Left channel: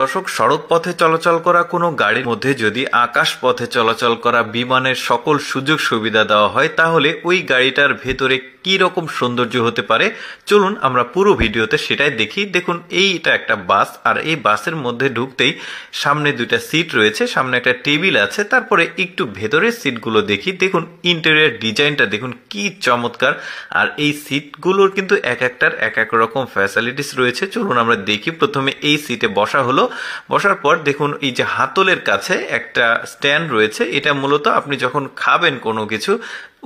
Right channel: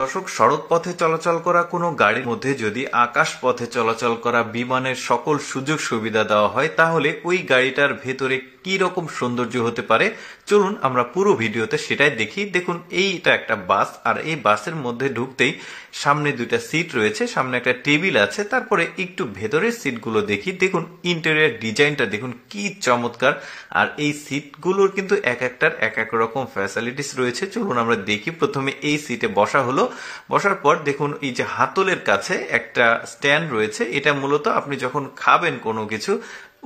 দর্শক, সড়ক পথে চলাচল করা কোনো গাড়ির মধ্যে যদি আকাশ পথে চলাচল করা বিমানের সকল সুযোগ সুবিধা দেওয়া হয়, তাহলে ওই গাড়িটার ভেতরে কি রকম সৌন্দর্য হতে পারে চলুন আমরা পুরো ভিডিওতে সেটাই দেখি। দেখুন, এইটা একটা বাস, আর এই বাসের মধ্যে ঢুকতেই সামনে দুইটা সিট রয়েছে, সামনে একটা টেবিল আছে, তারপরে একটু ভেতরের সিটগুলো দেখি। দেখুন ইন্টেরিয়র ডিজাইনটা দেখুন কি চমৎকার, আর এই সিটগুলোর কিন্তু এক একটার এক এক রকম ফ্যাসিলিটিস রয়েছে। চলুন আমরা দেখি। প্রথমে এই সিটে বসা হলো, বসার পর দেখুন এই যে হাতলের কাছে একটা স্ট্যান্ড রয়েছে, এটা মূলত আপনি যখন খাবেন কোনো কিছু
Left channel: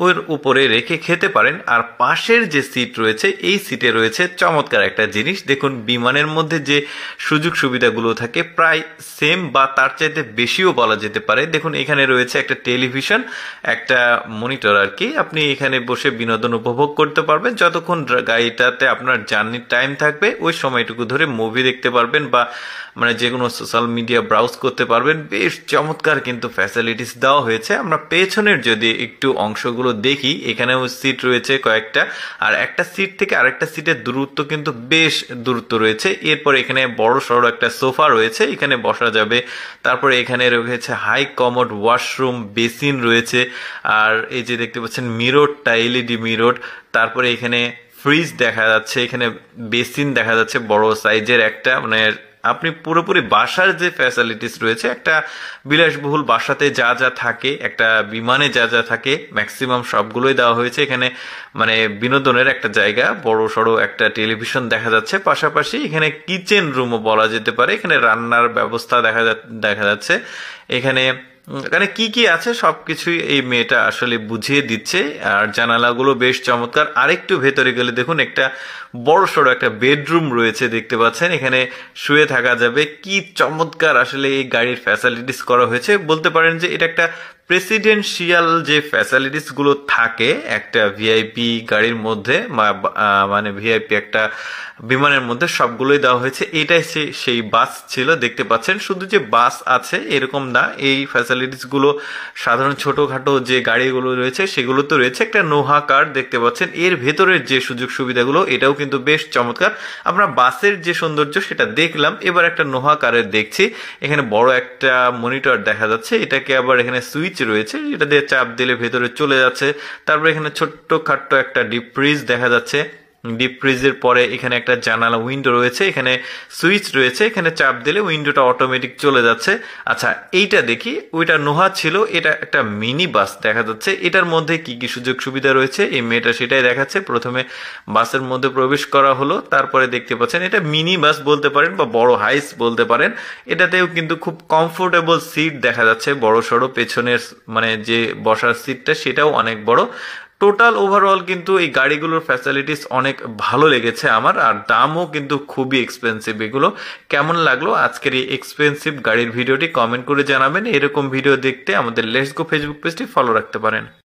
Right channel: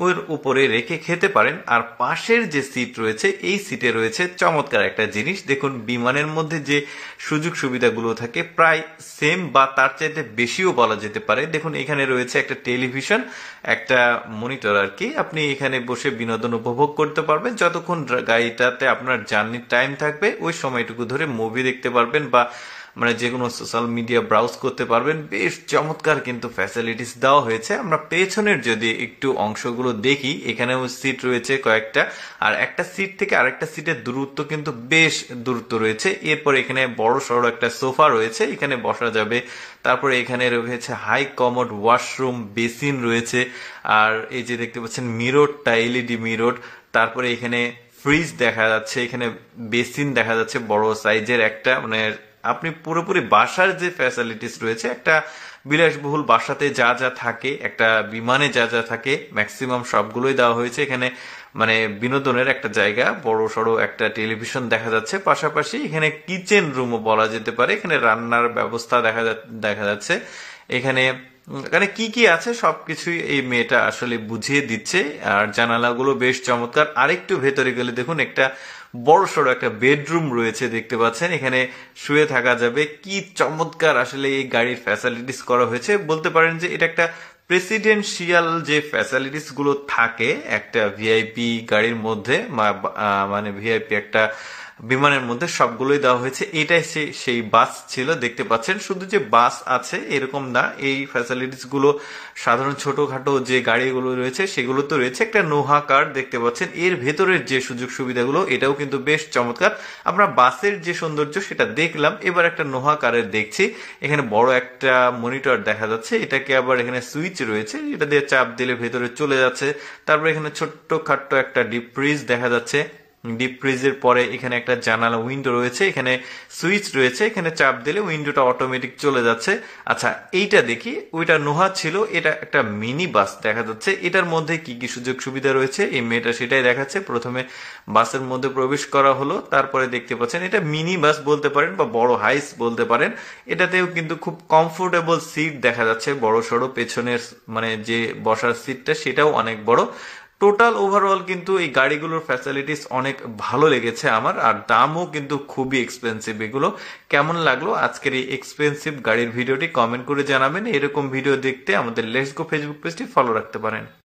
ওর উপরে রেখে খেতে পারেন। আর পাশের যে সিট রয়েছে, এই সিটে রয়েছে চমৎকার একটা জিনিস। দেখুন বিমানের মধ্যে যে সুযোগ সুবিধাগুলো থাকে প্রায় সেম বা তার চাইতে বেশিও বলা যেতে পারে। দেখুন এখানে রয়েছে একটা টেলিভিশন, একটা মনিটর আর কি। আপনি এখানে বসে বিনোদন উপভোগ করতে পারবেন যতক্ষণ গাড়িটাতে আপনার জার্নির টাইম থাকবে, ওই সময়টুকু ধরে মুভি দেখতে পারবেন বা যে কোনো সোশ্যাল মিডিয়া ব্রাউজ করতে পারবেন। বেশ চমৎকার কিন্তু ফ্যাসিলিটিস দেওয়া হয়েছে। আমরা পেছনের যদি একটু অংশগুলো দেখি, এখানেও সিট রয়েছে কয়েকটা, আর একটা সিট থেকে আরেকটা সিটের দূরত্ব কিন্তু বেশ দূরত্ব রয়েছে। এরপর এখানে বড় সড়ো একটা সোফা রয়েছে, এখানে বসা যাবে। তারপরে এখানে রয়েছে হাই কমোড ওয়াশরুম, বেসিন রয়েছে, আর এই যে দেখতে পাচ্ছেন মিররটা এলইডি মিরর। তারপরে এখানে ফ্রিজ দেখা যাচ্ছে, এখানে বেসিন দেখা যাচ্ছে বড় সাইজের একটা, আপনি পুরোপুরি বাসার যে ফ্যাসিলিটিস রয়েছে, একটা বিলাসবহুল বাসাতে যা যা থাকে, একটা বিমানে যা যা থাকে ম্যাক্সিমাম সবগুলোই দেওয়া হয়েছে এখানে। বিনোদনের একটা জায়গা, বড় সড়ো একটা টেলিভিশন দেখা যাচ্ছে। পাশাপাশি এখানে কিচেন রুমও বলা যেতে পারে, এখানে রান্নার ব্যবস্থা দেখা যাচ্ছে। এখানে এখানে কি কি আছে সবকিছুই এই মেয়েটা আসলে বুঝিয়ে দিচ্ছে। আর জানালাগুলো বেশ চমৎকার। আরেকটু ভেতরে গেলে দেখুন একটা বড় সড়ো একটা বেডরুম রয়েছে, দেখতে পাচ্ছেন। এখানে শুয়ে থাকা যাবে। কি চমৎকার আসলে এই গাড়ির ফ্যাসিলিটিস করা হয়েছে। বলতে পারেন যে এটা একটা প্রেসিডেন্সিয়াল যে ফ্যাসিলিটিস গুলো থাকে একটা ভিআইপি গাড়ির মধ্যে, ভিআইপি একটা বিমানের মধ্যে সবগুলোই দেওয়া হয়েছে। এটাই সেই বাস ছিল, দেখতে পাচ্ছেন। শুধু যে বাস আছে এরকম না, এই ফ্যাসিলিটিস গুলো সাধারণ ছোটখাটো যে গাড়িগুলো রয়েছে সেগুলো তো রয়েছে। একটা নোহা কার দেখতে পাচ্ছেন, এর ভেতরের যে সুযোগ সুবিধাগুলো এটাও কিন্তু বেশ চমৎকার। আমরা বাসের যে সৌন্দর্য সেটা দেখলাম, এবার একটা নোহা কারের দেখছি। এখানে বড় একটা মনিটর দেখা যাচ্ছে, এটাকে আবার এখানে সুইচ রয়েছে, এটা দিয়ে চাপ দিলে ভেতরে চলে যাচ্ছে। তারপর এখানে ছোট্ট খাট্ট একটা ডিপ ফ্রিজ দেখা যাচ্ছে। ডিপ ফ্রিজের পরে এখানে একটা জানালা উইন্ডো রয়েছে, এখানে সুইচ রয়েছে, এখানে চাপ দিলে উইন্ডোটা অটোমেটিক চলে যাচ্ছে। আচ্ছা, এইটা দেখি। ওইটা নোহা ছিল, এটা একটা মিনি বাস দেখা যাচ্ছে। এটার মধ্যে কি কি সুযোগ সুবিধা রয়েছে এই মেয়েটা সেটাই দেখাচ্ছে। প্রথমে বাসের মধ্যে প্রবেশ করা হলো, তারপরে দেখতে পাচ্ছেন এটা মিনি বাস বলতে পারেন বা বড় হাইস বলতে পারেন। এটাতেও কিন্তু খুব কমফোর্টেবল সিট দেখা যাচ্ছে, বড় সড়ো পেছনের যে বসার সিটটা সেটাও অনেক বড়। টোটাল ওভারঅল কিন্তু এই গাড়িগুলোর ফ্যাসিলিটিস অনেক ভালো লেগেছে আমার, আর দামও কিন্তু খুবই এক্সপেন্সিভ। এগুলো কেমন লাগলো আজকের এই এক্সপেন্সিভ গাড়ির ভিডিওটি কমেন্ট করে জানাবেন। এরকম ভিডিও দেখতে আমাদের লেটস গো ফেসবুক পেজটি ফলো রাখতে পারেন।